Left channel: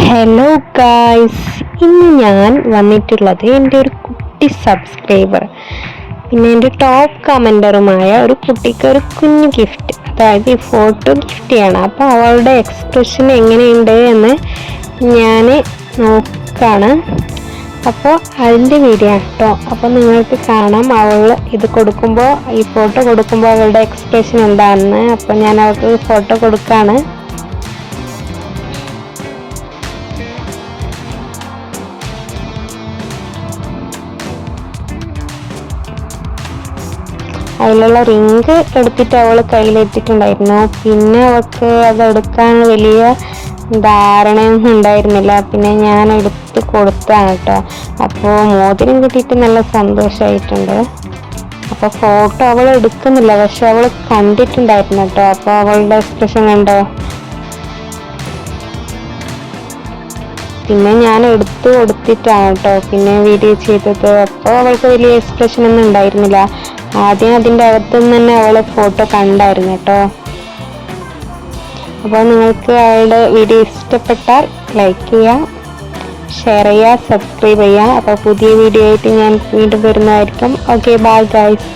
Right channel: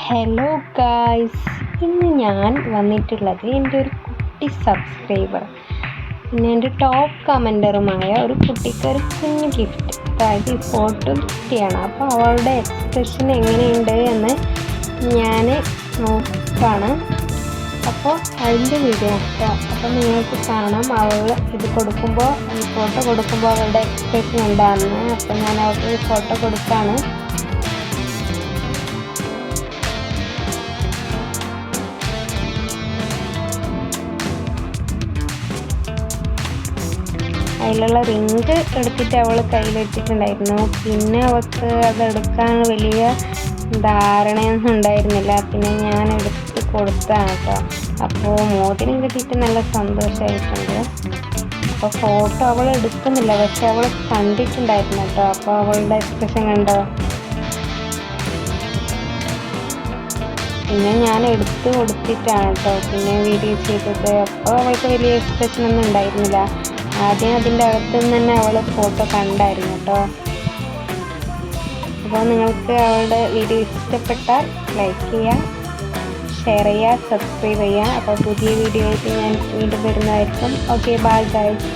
Hello guys, ഇന്ന് ഞാൻ വന്നിട്ടുള്ളത് എൻ്റെ ഒരു കുട്ടി സബ്സ്ക്രൈബർ പിന്നെ എൻ്റെ ടോപ്പ് കമൻറ്ററുമായ ഒരു കുട്ടിക്ക് ഒരു കുഞ്ഞു ഗിഫ്റ്റ്, അതായത് ഈ ഫോട്ടോ ഗിഫ്റ്റ് ചെയ്യണം. അപ്പോൾ അവളുടെ എക്സ്പ്രഷൻ എങ്ങനെയുണ്ട് എന്ന് ഞാൻ നോക്കാണ്. അപ്പോൾ അതിൻ്റെ വീഡിയോ കേട്ടോ. അപ്പോൾ നിങ്ങൾക്ക് കാണാം അവൾ ഇത് കൊടുക്കുമ്പോൾ, ഈ ഫോട്ടോ കൊടുക്കുമ്പോൾ അവളുടെ എക്സ്പ്രഷൻ എന്താണെന്ന്. അപ്പോൾ ഞാൻ അവൾക്ക് ഫോട്ടോ കൊടുക്കുകയാണ്. അതിലുള്ള റിങ് എടുത്തിട്ട് അവൾ കയ്യിലെത്തിയിട്ടുണ്ടായിരുന്നു. പിന്നെ അവൾക്ക് അതെടുക്കാൻ വലിയ ധാരണയൊന്നും ഉണ്ടായിരുന്നില്ല. പിന്നെ ഞാൻ എടുത്ത് കൊടുത്താണ് കേട്ടോ. അപ്പോൾ മോതിരം കിട്ടിയിട്ട് നല്ല സന്തോഷമായിട്ടുണ്ട്. അപ്പോൾ ഫോട്ടോ അവൾ എടുക്കുന്നില്ല, പക്ഷെ അവൾ കണ്ടിട്ടുണ്ടായിരുന്നു കേട്ടോ. അപ്പോൾ അവളുടെ എക്സ്പ്രഷൻ കണ്ടോ. പിന്നെ ഞാൻ എടുത്ത് കൊടുത്തിട്ടാണ് കേട്ടോ പിന്നെ വീഡിയോ ചെയ്തത്. അപ്പോൾ അവൾക്ക് വലിയ എക്സ്പ്രഷൻ ഒന്നും ഉണ്ടായിരുന്നില്ല. ആദ്യം അതിൻ്റെ അകത്തുനിന്ന് തന്നെ അവൾ ഫോട്ടോ കണ്ടായിരുന്നു കേട്ടോ. അപ്പോൾ നിങ്ങൾക്ക് അവളുടെ വീഡിയോ ഇഷ്ടപ്പെട്ടാൽ ലൈക്ക് ചെയ്യുക, ഷെയർ ചെയ്യുക, സബ്സ്ക്രൈബ് ചെയ്യുക. അപ്പോൾ പുതിയ വീഡിയോ ആയിട്ട് ഞാൻ വീണ്ടും വരുന്നതായിരിക്കും. Okay, bye guys.